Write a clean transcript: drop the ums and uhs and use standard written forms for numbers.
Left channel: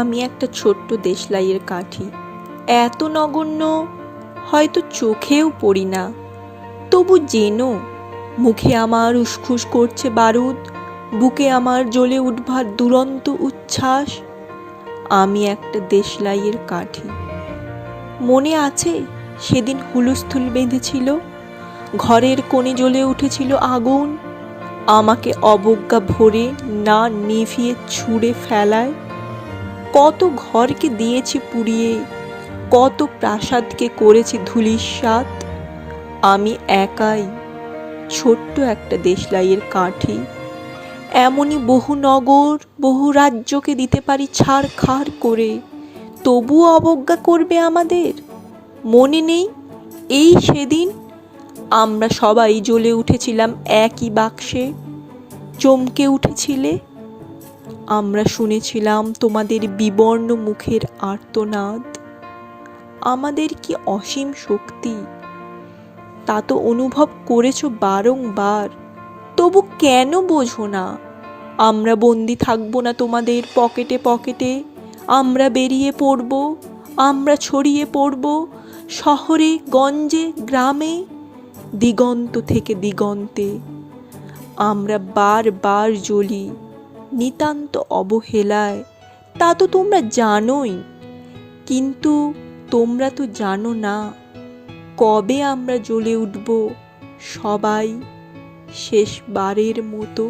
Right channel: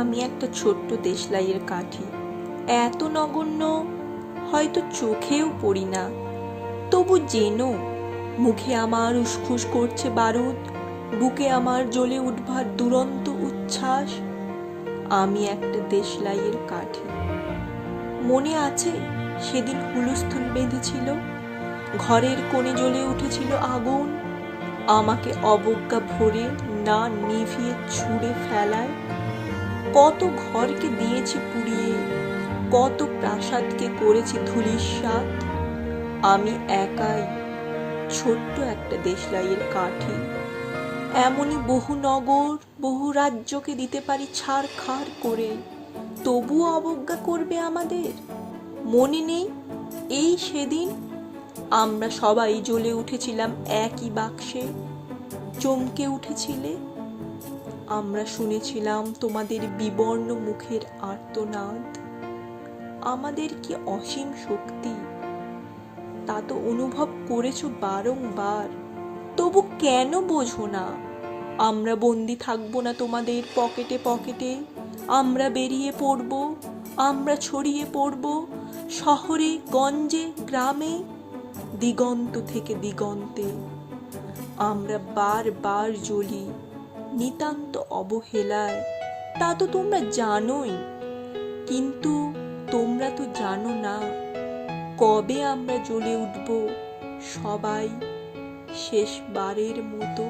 আমি একটা ছোট্ট দেশলাইয়ের কাঠি, এত নগণ্য হয়তো চোখেও পড়ি না। তবু যেন মুখে আমার উসখুস করছে বারুদ, বুকে আমার জ্বলে উঠবার দুরন্ত উচ্ছ্বাস। আমি একটা দেশলাইয়ের কাঠি। মনে আছে সেদিন হুলস্থুল বেঁধেছিল, ঘরের কোণে জ্বলে উঠেছিল আগুন, আমাকে অবজ্ঞা ভরে না নিভিয়ে ছুঁড়ে ফেলায়। কত ঘরকে দিয়েছি পুড়িয়ে, কত প্রাসাদকে করেছি ধূলিসাৎ। আমি একাই ছোট্ট একটা দেশলাইয়ের কাঠি। এমনই বহু নগর, বহু রাজ্যকে দিতে পারি ছারখার করে, তবুও অবজ্ঞা করবে আমাদের। মনে নেই এই সেদিন আমরা সবাই জ্বলে উঠেছিলাম একই বাক্সে, চমকে উঠেছিলে। আমরা শুনেছিলাম তোমাদের বিবর্ণ মুখের আর্তনাদ। আমাদের কি অসীম শক্তি, তা তো অনুভব করেছো বারংবার। তবু কেন বোঝো না? আমরা বন্দি থাকবো না তোমাদের পকেটে পকেটে। আমরা বেরিয়ে পড়ব, আমরা ছড়িয়ে পড়ব শহরে গঞ্জে গ্রামে, দিগন্ত থেকে দিগন্তে। আমরা বারবার জ্বলি নিতান্ত অবহেলায়, তা তো তোমরা জানোই। কিন্তু তোমরা তো জানো না কবে আমরা জ্বলে উঠব সবাই শেষবারের মতো।